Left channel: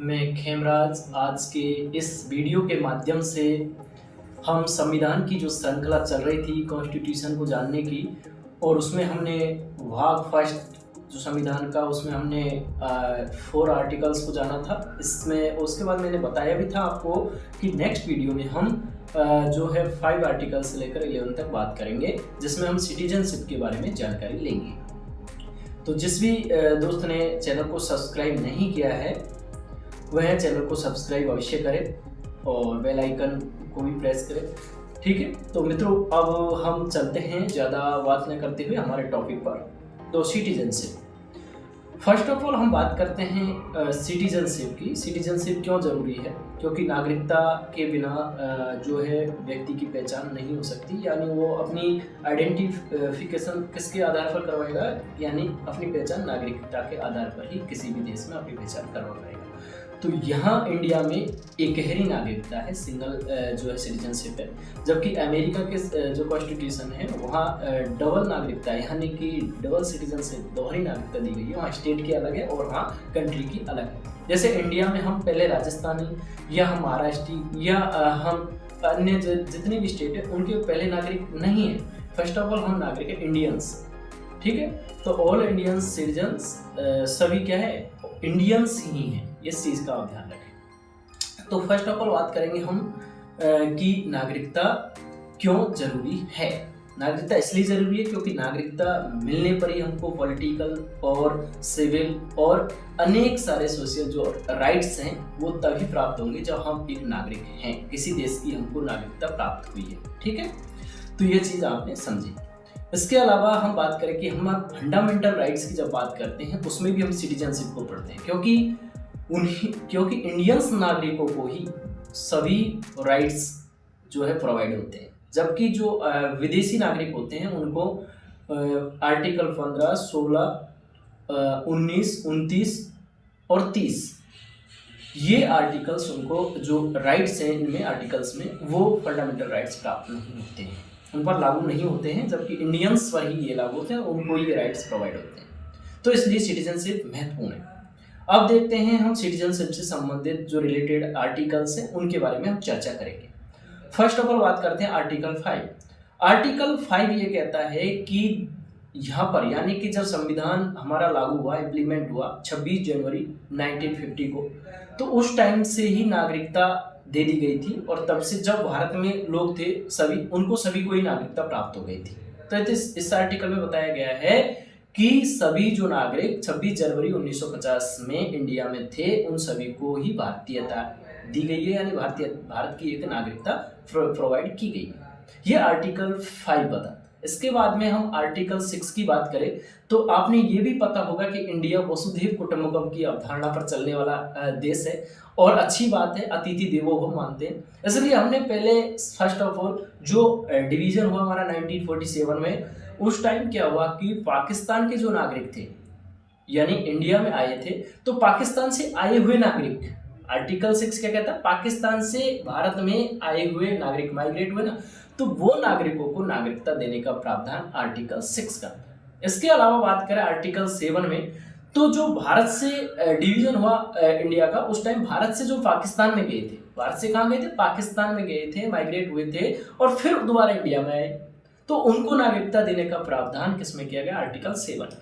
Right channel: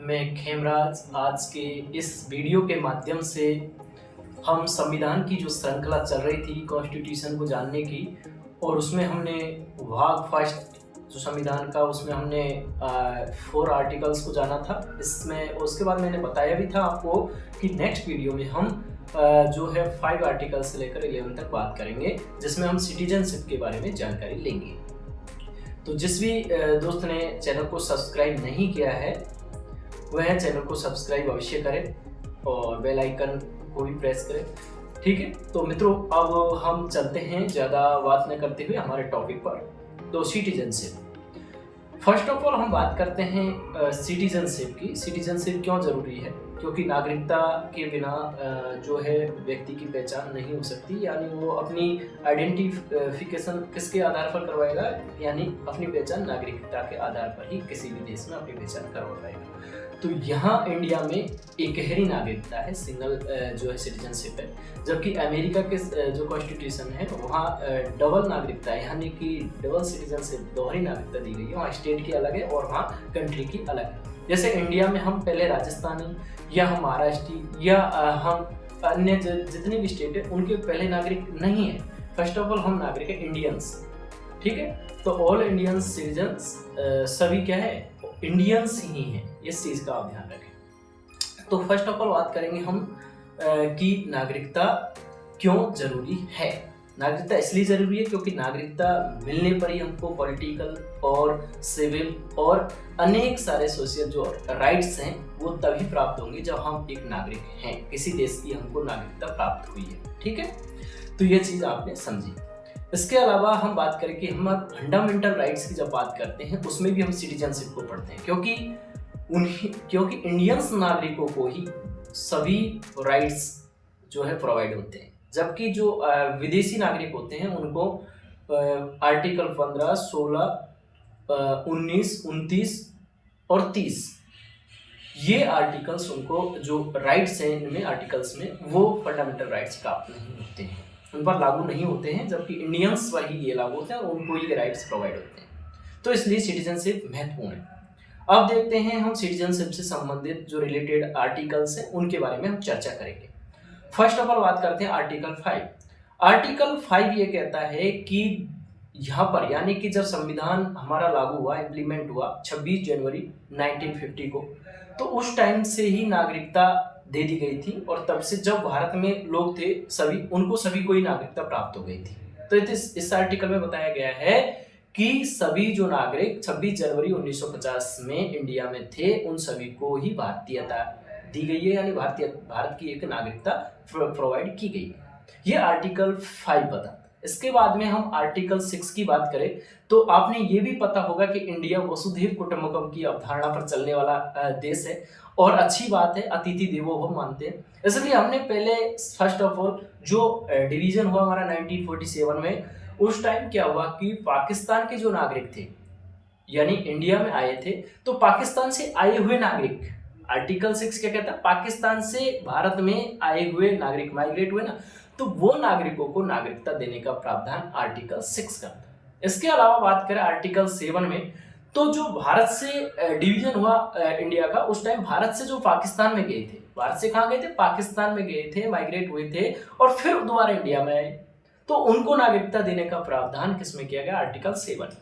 मैं खेमराज। आज के इस वीडियो के माध्यम से हम संविधान की जो श्रृंखला चल रही थी कॉन्स्टिट्यूशन को जानने की, और उसमें हमने भाग फर्स्ट जो संविधान का उसमें हमने 4 आर्टिकल्स को जाना था। इसमें उसके बाद मैंने बताया भी था आपको कि नेक्स्ट वीडियो में हम जो है 5 आर्टिकल से लेकर 11 तक बात करेंगे, जिसमें हम सिटीजनशिप के बारे में जानकारी लेंगे। तो जिस भी दोस्त ने चैनल को सब्सक्राइब नहीं किया है वह चैनल को सब्सक्राइब अवश्य करें और बेल आइकन को भी प्रेस करें। ठीक है, तो मित्रों अब हम चलते हैं ज़्यादा बात न करते हुए हमारे टॉपिक पर। तो सिटीजनशिप, फर्स्ट ऑफ ऑल हम बात करते हैं सिटीजनशिप की। सिटीजनशिप क्यों ज़रूरी है? क्योंकि नागरिकता के बिना जो है व्यक्ति की पहचान नहीं हो सकती, यानी वो अपनी आइडेंटिफिकेशन किसके आधार पर करवाएगा, यानी अपनी पहचान नागरिकता के आधार पर ही किसी भी देश में अपनी पहचान करवा पाएगा। तो यहाँ इंडिया में एकहरी नागरिकता है, सिंगल जो है सिटीजनशिप है, जबकि अमेरिका के जो कॉन्स्टिट्यूशन है वहाँ डबल नागरिकता है, यानी कि डबल सिटीजनशिप, दोहरी नागरिकता दी गई है। वहाँ स्टेट की अलग है और वहाँ कंट्री की अलग है। जैसे इंडिया में हम पहले राजस्थानी या हम महाराष्ट्री या हम अन्य जितने भी स्टेट है उनके पहले नागरिक नहीं है। फर्स्ट ऑफ ऑल हम नागरिक है इंडियंस। ठीक है, तो ऑल इंडियंस सिटीजन्स सभी क्या है, इंडियंस ही हैं। इस चीज़ का आप ध्यान रखें। तो फर्स्ट ऑफ ऑल बात करेंगे हम कि नागरिकता क्यों ज़रूरी है। नागरिकता इसलिए ज़रूरी है क्योंकि नागरिकता मिलने पर ही हमको पॉलिटिकल और सिविल और अनेक सारे सोशल जो राइट्स हैं वो तभी प्राप्त होंगे जब हम एक नागरिक हैं, किसी देश की हमको नागरिकता प्राप्त हुई है। ठीक है, तो ये चीज़ आपने समझी। इसके अलावा हम बात करें कि हम फंडामेंटल राइट्स की जब बात करते हैं उसमें भी हम सिटीजनशिप को पढ़ते हैं, क्योंकि इंडियंस नागरिकों को ही सभी राइट्स जो है प्रोवाइड होते हैं, जबकि जो विदेशी नागरिक होते हैं उनको आर्टिकल 15, 16, 19, 29 और 30 ये आर्टिकल्स, उनको जो राइट्स हैं इनमें आर्टिकल्स में वो फंडामेंटल राइट्स प्राप्त नहीं होते हैं, उन पर लागू नहीं होते हैं, जबकि इंडियंस पर ही ये लागू होते हैं और उनको ये राइट्स प्रोवाइड होते हैं। तो इसलिए सिटीजनशिप महत्वपूर्ण है। अब देखते हैं हम सिटीजनशिप से संबंधित जो रिलेटेड आर्टिकल्स हैं उनके बारे में हम चर्चा करेंगे। फर्स्ट ऑफ ऑल बात करते हैं आर्टिकल 5। आर्टिकल 5 ये कहता है कि यहाँ पर, यानी कि जब संविधान हमारा लागू हुआ, इम्प्लीमेंट हुआ 26 जनवरी 1950 को, तो उस टाइम से ही नागरिकता दे दी गई थी, और तब से जब भारत में लोग थे सभी को ही नागरिकता प्राप्त हो गई थी। तो इस आर्टिकल में बताया गया है कि सभी जो नागरिक 26 जनवरी 1950 में इंडिया में थे उन सभी को ही भारतीयता दी गई है, यानी भारत की एक नागरिकता प्रोवाइड की गई है। ये आर्टिकल 5 बताता है। इसके बाद में हम आर्टिकल 6 की बात करें तो आपने ये भी पता होगा कि इंडिया वसुधैव कुटुंबकम की अवधारणा पर चलने वाला देश है, और अच्छी बात है, अतिथि देवो भव मानते हैं। इसलिए हमने पहले फर्स्ट ऑफ ऑल जो डिवीजन हुआ हमारा 1947 में, उस टाइम क्या हुआ कि पाकिस्तान के जो नागरिक थे, यानी इंडिया में आए थे, तो पाकिस्तान से आए हुए नागरिक, आर्टिकल 6 क्या कहता है, पाकिस्तान से भारत में आए हुए नागरिक माइग्रेट हुए ना, तो वो नागरिकों को नागरिकता देने का प्रावधान आर्टिकल 6 करता है। इसके अलावा बात करें आर्टिकल 7 में, तो जो भारत से डिवीजन हुआ इंडिया का, उस टाइम भारत से जो पाकिस्तान में गए थे, भारत से कहाँ गए थे, पाकिस्तान में गए थे, माइग्रेट हुए थे और फिर दोबारा इंडिया में आए, तो उनको नागरिकता देने का प्रावधान किसमें किया गया, आर्टिकल 7।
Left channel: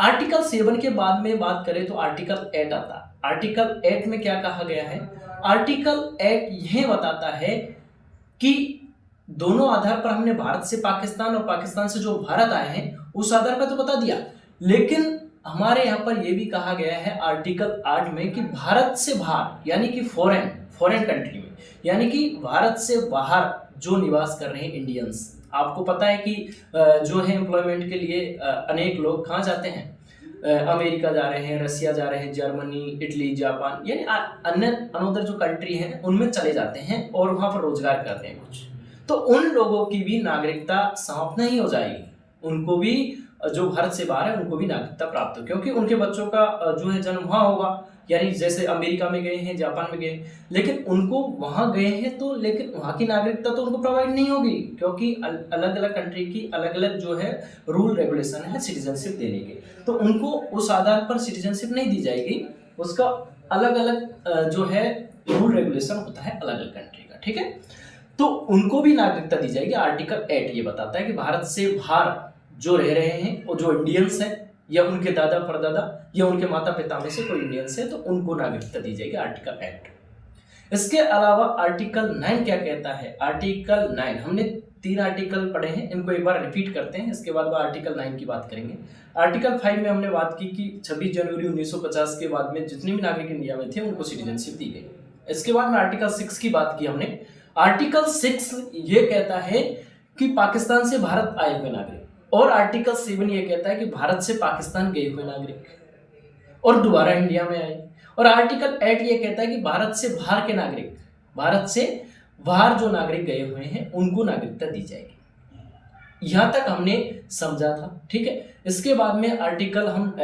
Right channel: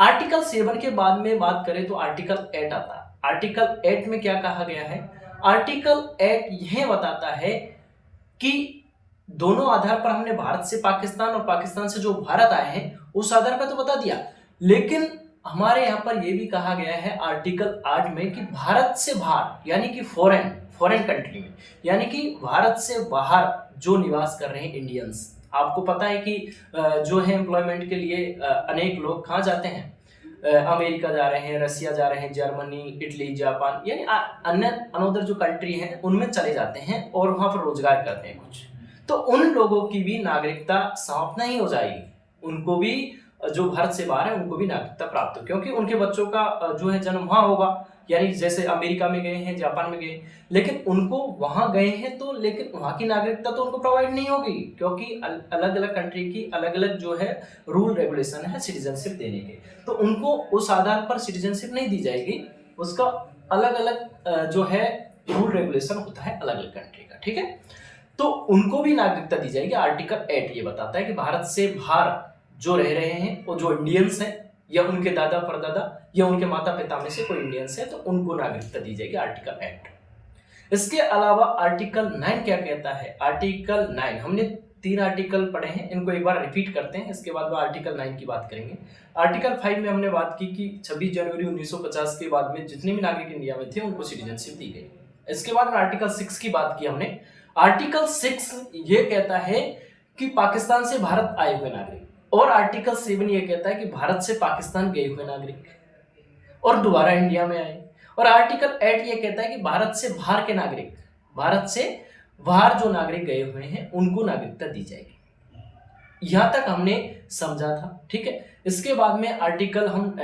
आर्टिकल 7 के बाद में बात करें तो आर्टिकल 8 आता है। आर्टिकल 8 में क्या कहा गया है, आर्टिकल 8 यह बताता है कि दोनों आधार पर हमने भारत से पाकिस्तान और पाकिस्तान से जो भारत आए हैं उस आधार पर तो बता दिया, लेकिन हमारे यहाँ पर यह भी कहा गया है आर्टिकल 8 में कि भारत से बाहर, यानी कि फॉरेन कंट्री में, यानी कि भारत से बाहर जो निवास कर रहे हैं इंडियंस, आपको पता है कि जो है एम्प्लॉयमेंट के लिए अनेक लोग कहाँ जाते हैं, अमेरिका जा रहे हैं, रसिया जा रहे हैं, जर्मनी, इटली, जापान, यानी अन्य अनोदर जो कंट्री हैं उनमें चले जाते हैं और वहाँ पर रोजगार करते हैं कुछ, तो उन लोगों की भी नागरिकता समाप्त नहीं हो जाएगी, उनको भी जो भारत से बाहर है उनको भी नागरिकता प्राप्त हो, क्योंकि उनके बच्चों का जो है जन्म वहाँ होगा, यानी जैसे अमेरिका में गए हैं, जापान में गए, लेकिन उनको वहाँ गए हैं तो, लेकिन वहाँ की नागरिकता तो उनको प्रोवाइड नहीं होगी, क्योंकि अलग अलग कंट्री की अलग अलग जो है रूल रेगुलेशन है सिटीजनशिप देने के, तो उनको उस आधार पर सिटीजनशिप नहीं दी जाएगी, उसका अलग अलग जो है रूल रेगुलेशन होता है अलग अलग कंट्री का, ठीक है। तो उनको भी नागरिकता दी जाएगी। आर्टिकल 8 ये बताता है कि भारत से बाहर जो रह रहे हैं और जो इंडियंस हैं या उनके दादा परदादा या उनके माता पिता में से कोई इंडियंस है तो उनको नागरिकता दी जाएगी, आर्टिकल 8। इसके अलावा आर्टिकल 9 क्या कहता है? आर्टिकल 9 हमने 3 आर्टिकल पढ़े हैं, इनको एक बार रिपीट करते हैं, इसके बाद आर्टिकल 9 की बात करेंगे। आर्टिकल 5 में हमने बात की कि 26 जनवरी 1950 के बाद में जितने भी नागरिक इंडिया में थे उनको सिटीजनशिप दी गई। इसके बाद में आर्टिकल 6 की बात की हमने। आर्टिकल 6 ये कहता है कि पाकिस्तान से भारत आए हुए नागरिक, और आर्टिकल 7 ये कहता है कि भारत से पाकिस्तान गए हुए नागरिक और दोबारा इंडिया में आए। और आर्टिकल 8 ये कहता है कि भारत से बाहर के नागरिक, भारत से बाहर जो नागरिक गए हुए हैं उनको नागरिकता दी जाएगी। यहां तक हमने समझा था, ठीक है। इसके बाद में आर्टिकल हम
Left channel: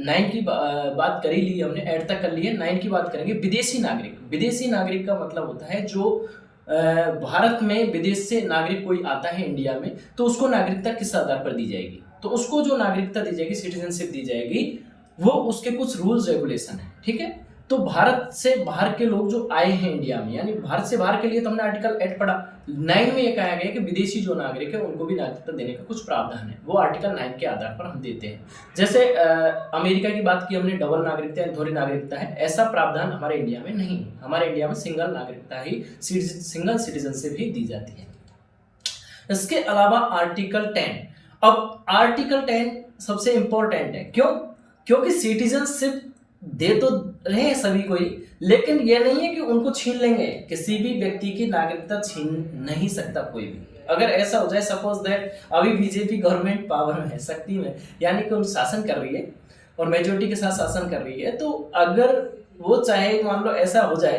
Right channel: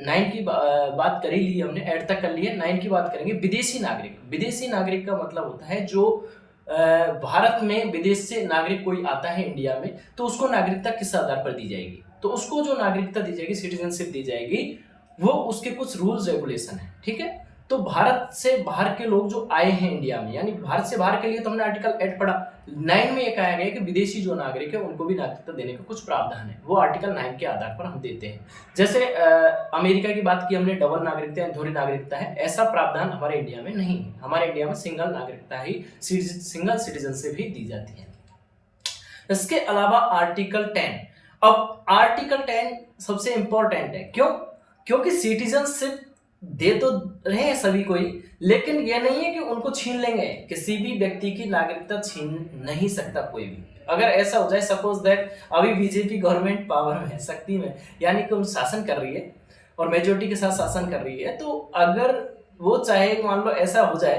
9 की बात कर ही ली हमने, 8 तक कर लिए, 9 की बात करेंगे। विदेशी नागरिक। विदेशी नागरिक का मतलब होता है जो भारत में विदेश से नागरिक कोई आता है इंडिया में तो उसको नागरिकता किस आधार पर दी जाएगी? तो उसको जो नागरिकता दी जाएगी, सिटीजनशिप दी जाएगी, वो उसके कुछ रूल्स रेगुलेशन है, ठीक है। तो भारत से बाहर के लोग जो आए हैं इंडिया में, यानी भारत से बाहर के लिए तो हमने आर्टिकल 8 पढ़ा। 9 में ये कहा गया कि विदेशी जो नागरिक है उनको भी नागरिकता देने का कुछ प्रावधान है, वो आर्टिकल 9 के आधार पर हम देते हैं। जैसे अमेरिका की बात की हमने, डबल नागरिकता या दोहरी नागरिकता है, ऐसा प्रावधान हमारे इंडिया में नहीं है। हमारे इंडिया में सिंगल नागरिकता ही, सिंगल सिटीजनशिप ही दी जाती है। इसके अलावा आर्टिकल 10। अब आर्टिकल 10 सबसे इंपॉर्टेंट है, क्यों? क्योंकि सिटीजनशिप दे तो रहे हैं सभी को ही, लेकिन यह नहीं है कि उनको छीन लेंगे। किसी भी व्यक्ति की नागरिकता छीन नहीं सकता कोई भी। अगर ऐसा हो जाए, सपोज दैट अभी बीजेपी गवर्नमेंट पावर में है, शक्ति में, यानी कि उन शासन कर रही है और मेजोरिटी के साथ शासन कर रही है, तो अगर वो चाहे, मान लो ऐसा हो जाए,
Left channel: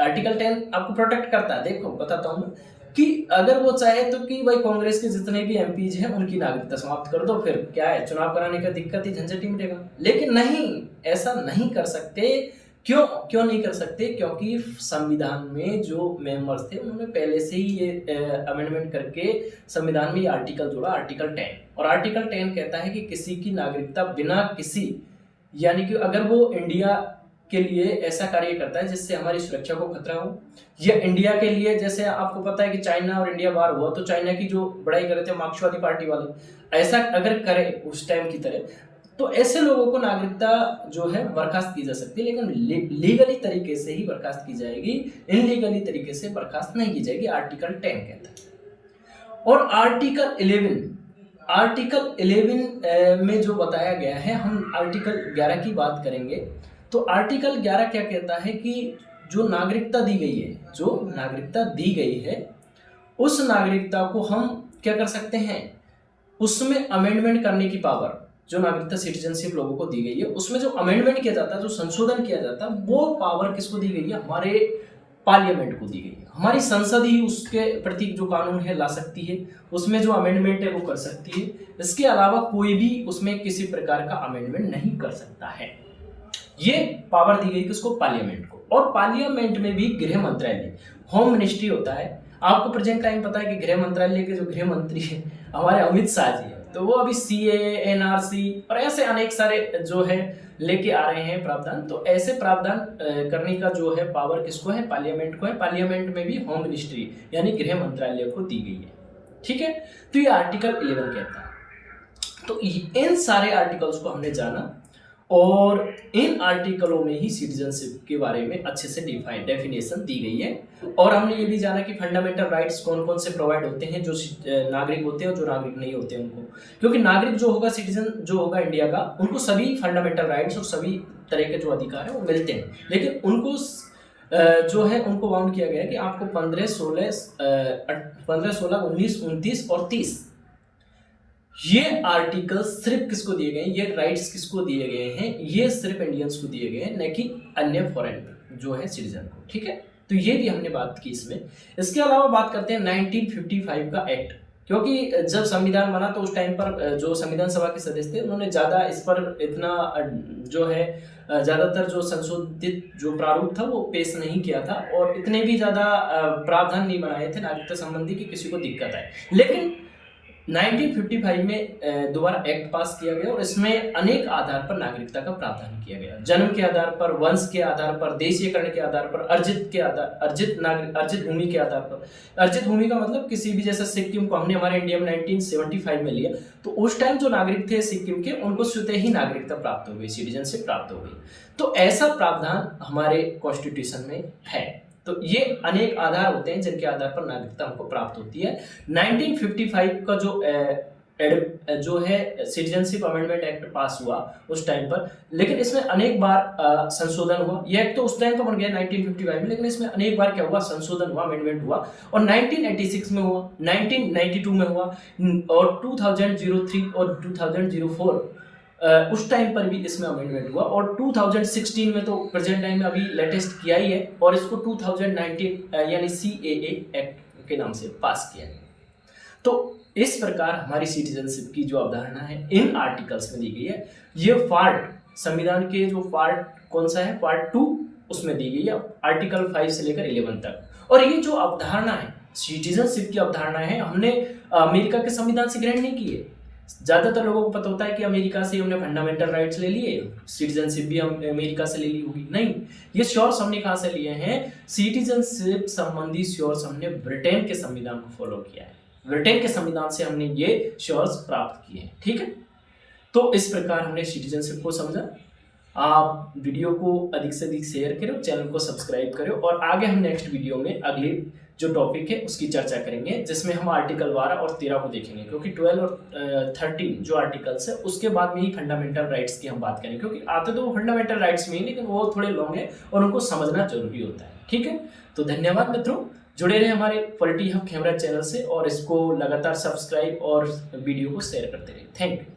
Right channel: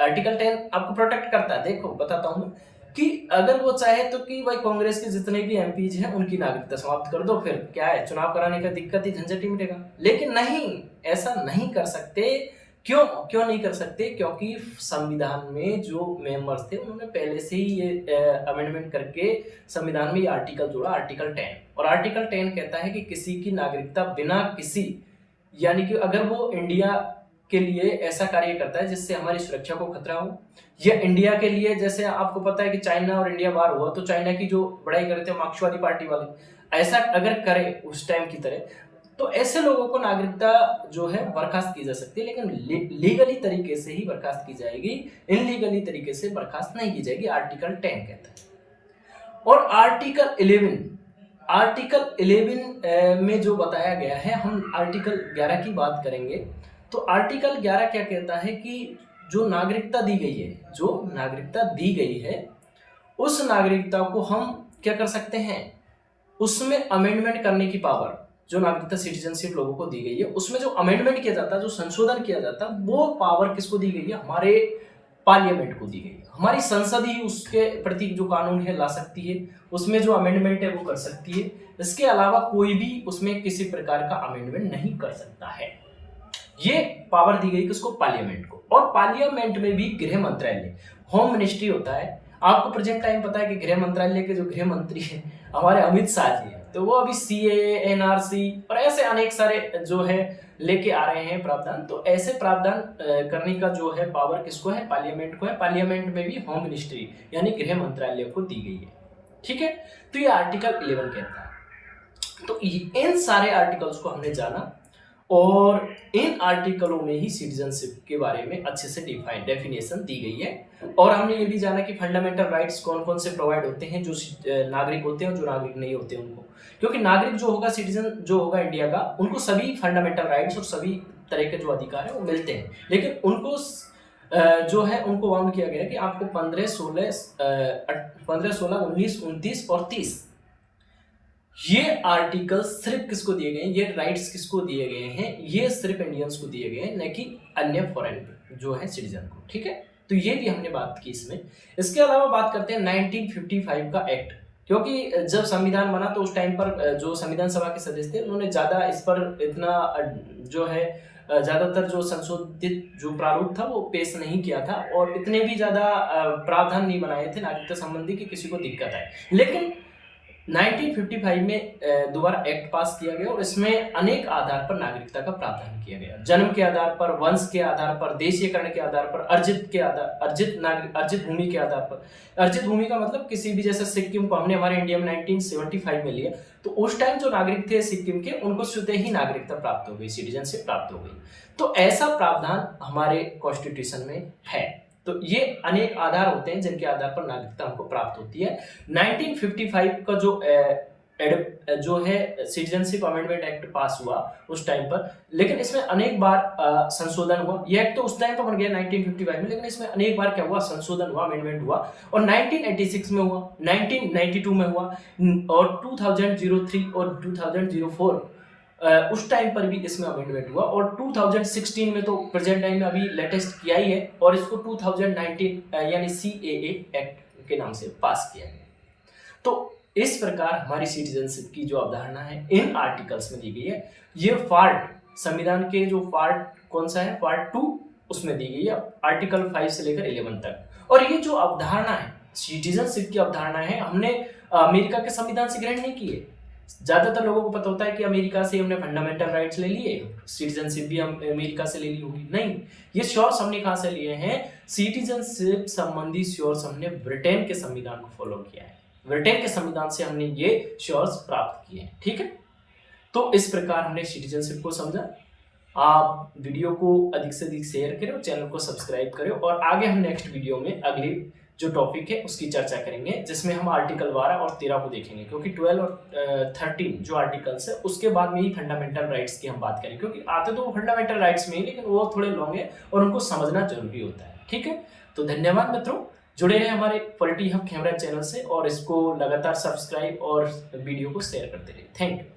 आर्टिकल 10 आपको प्रोटेक्ट करता है। देखो बताता हूँ मैं कि अगर वो चाहे तो कि भाई कांग्रेस के जितने भी एमपीज हैं उनकी नागरिकता समाप्त कर दो, फिर क्या है, चुनाव कराने का दिक्कत ही, झंझट ही मिटेगा। लेकिन नहीं, ऐसा नहीं कर सकते। क्यों नहीं कर सकते? क्योंकि संविधान में जो मेंबर्स थे उन्होंने पहले से ही ये अमेंडमेंट करके संविधान में ये आर्टिकल जोड़ा, आर्टिकल 10। और आर्टिकल 10 कहता है कि किसी की नागरिकता बिना किसी, यानी कि अगर वो इंडिया के लिए ऐसा कार्य करता है जिससे हमारी सुरक्षा को खतरा हो, या इंडिया के लिए, जैसे आपको पता है कि चाइना और इंडिया वार हुआ तो चाइना की जो बढ़ाई कर रहे थे मार्क्सवादी पार्टी वाले, ऐसा अगर करे उस टाइम की तरह, तो ऐसे लोगों को नागरिकता जो है बर्खास्त की जा सकती है, लेकिन लीगली तरीके से ही बर्खास्त की जाएगी, इनलीगली तरीके से बर्खास्त नहीं की जाएगी, आर्टिकल 10 कहता है। और आर्टिकल 11 में जो बताया गया है, हम आर्टिकल 11 की बात करेंगे। तो आर्टिकल 11 क्या कहता है कि जो नागरिकता दी गई है उस नागरिकता को हम क्या कर सकते हैं, उसमें अमेंडमेंट करने की पावर, जो नागरिकता सिटीजनशिप लोगों को दी गई है उसमें जो अमेंडमेंट किया जाता है, जो संशोधन किया जाता है, वो पावर किसको दी गई है? हमारे पार्लियामेंट को दी गई है। हमारी संसद ही उसके प्रति जो कानून है ला सकती है, उसमें जो अमेंडमेंट है वो कर सकती है। इसके अलावा कोई भी उसमें किसी प्रकार का अमेंडमेंट नहीं कर सकता है। ये पावर दी गई किसको? पार्लियामेंट को। और पार्लियामेंट में भी गृह मंत्रालय, होम मिनिस्ट्री होता है। आपको प्रेजेंट टाइम पता है कि गृह मंत्रालय के जो गृह मंत्री है हमारे अमित शाह जी है, तो वो अभी सीएए, एनआरसी और ऐसे अनेक सारे जो है लेके आ रहे हैं प्रावधान। तो ऐसे प्रावधान करने का जो है पावर किसको है? पार्लियामेंट को है। पार्लियामेंट में भी होम मिनिस्ट्री यानी गृह मंत्रालय को दी गई है, ठीक है। तो ये आर्टिकल 11 कहता है। तो इन सारे आर्टिकल्स को हमने जाना और इन आर्टिकलों में ही सिटीजनशिप के बारे में अच्छे से डेफिनेशन दी गई है। और हमने ये भी जाना कि फंडामेंटल राइट्स कौन कौन से प्रोवाइड होते हैं जो नागरिक होते हैं और जो नागरिक नहीं होते हैं उनको। क्योंकि नागरिक जो होगा, सिटीजन जो होगा इंडिया का, उनको सभी फंडामेंटल राइट्स और सभी तरह के जो अधिकार है वो मिलते हैं, लेकिन उनको जो है उनको बाउंड किया गया है कि आपको 15, 16, 19, 29 और 30 ये आर्टिकल सिर्फ किसको दिए गए हैं, ये राइट्स किसको दिए गए हैं? ये सिर्फ इंडियंस को दिए गए हैं, न कि अन्य फॉरेन जो है सिटीजन को, ठीक है। तो ये भी हमने बात की इसमें। इसके अलावा बात करते हैं 1955 का एक्ट, क्योंकि जब संविधान बना तो उस टाइम पर जो संविधान सभा के सदस्य थे उन्होंने ज़्यादा इस पर इतना जो है ज़्यादातर जो संशोधित जो प्रारूप था वो पेश नहीं किया था और इतने भी ज़्यादा प्रावधान नहीं बनाए थे नागरिकता संबंधी कि किसी को दिक्कत आए। लेकिन 1955 में दोबारा एक्ट पास किया गया और इसमें अनेक आधार पर नागरिकता का प्रावधान किया गया। जन्म के आधार पर, वंश के आधार पर, देशीयकरण के आधार पर, अर्जित भूमि के आधार पर। अर्जित भूमि का मतलब किसी भी, जैसे सिक्किम को हमने हमारे इंडिया में 1975 में लिया, तो उस टाइम जो नागरिक थे सिक्किम के, उनको स्वतः ही नागरिकता प्राप्त हो गई, सिटीजनशिप प्राप्त हो गई। तो ऐसा प्रावधान हमारे कॉन्स्टिट्यूशन में है। तो ये अनेक आधार होते हैं जिनके आधार पर नागरिकता हमको प्राप्त होती है। 1955 का जो है सिटीजनशिप अमेंडमेंट एक्ट पास हुआ उस टाइम पर, लेकिन इसमें अनेक बार संशोधन हुआ। ये एक्ट तो उस टाइम तो बन गया 1955 में, लेकिन इसमें अनेक बार क्या हुआ, संशोधन हुआ, अमेंडमेंट हुआ। और 1986 में हुआ, 1992 में हुआ, और 2003 और 2004 उस टाइम पर भी इसमें अमेंडमेंट हुआ। और 2016 में तो प्रेजेंट टाइम में अभी लेटेस्ट किया ही है, और इसको 2019 यानी CAA एक्ट के नाम से पास किया गया। तो इस प्रकार हमारी सिटीजनशिप की जो अवधारणा है इन आर्टिकल्स में दी गई है। ये पार्ट संविधान के जो पार्ट कौन सा है, पार्ट 2 उसमें दी गई है, आर्टिकल 5 से लेकर 11 तक। और ये जो अवधारणा है सिटीजनशिप की अवधारणा है, हमने अमेरिका के संविधान से ग्रहण नहीं की है। ज़्यादातर लोगों को पता होता है कि अमेरिका से हमने फंडामेंटल राइट्स ले लिए, सिटीजनशिप भी हम अमेरिका से ले ली होगी। नहीं, ये श्योर्स हमने कहाँ से लिए हैं, सिटीजनशिप संबंधी श्योर्स हमने ब्रिटेन के संविधान को फॉलो किया है। ब्रिटेन के संविधान से हमने ये श्योर्स प्राप्त किए हैं। ठीक है, तो इस प्रकार हमने सिटीजनशिप को समझा। आप वीडियो को अधिक से अधिक शेयर करो, चैनल को सब्सक्राइब करो, और आगे हम नेक्स्ट वीडियो में अगली जो टॉपिक है उसकी चर्चा करेंगे, जिसमें हम आर्टिकल 12 और 13 को देखेंगे, क्योंकि 12 और 13 जो आर्टिकल्स है उसके बाद में ही फंडामेंटल राइट्स की हम बात करेंगे, क्योंकि आते तो वो फंडामेंटल राइट्स में ही, लेकिन वो थोड़े लॉन्ग है और उनको समझना जरूरी होता है। ठीक है, तो धन्यवाद मित्रों, जुड़े रहे हमारे पॉलिटी हब कैमरा चैनल से, और इसको लगातार सब्सक्राइब और वीडियो को शेयर करते रहिए। Thank you.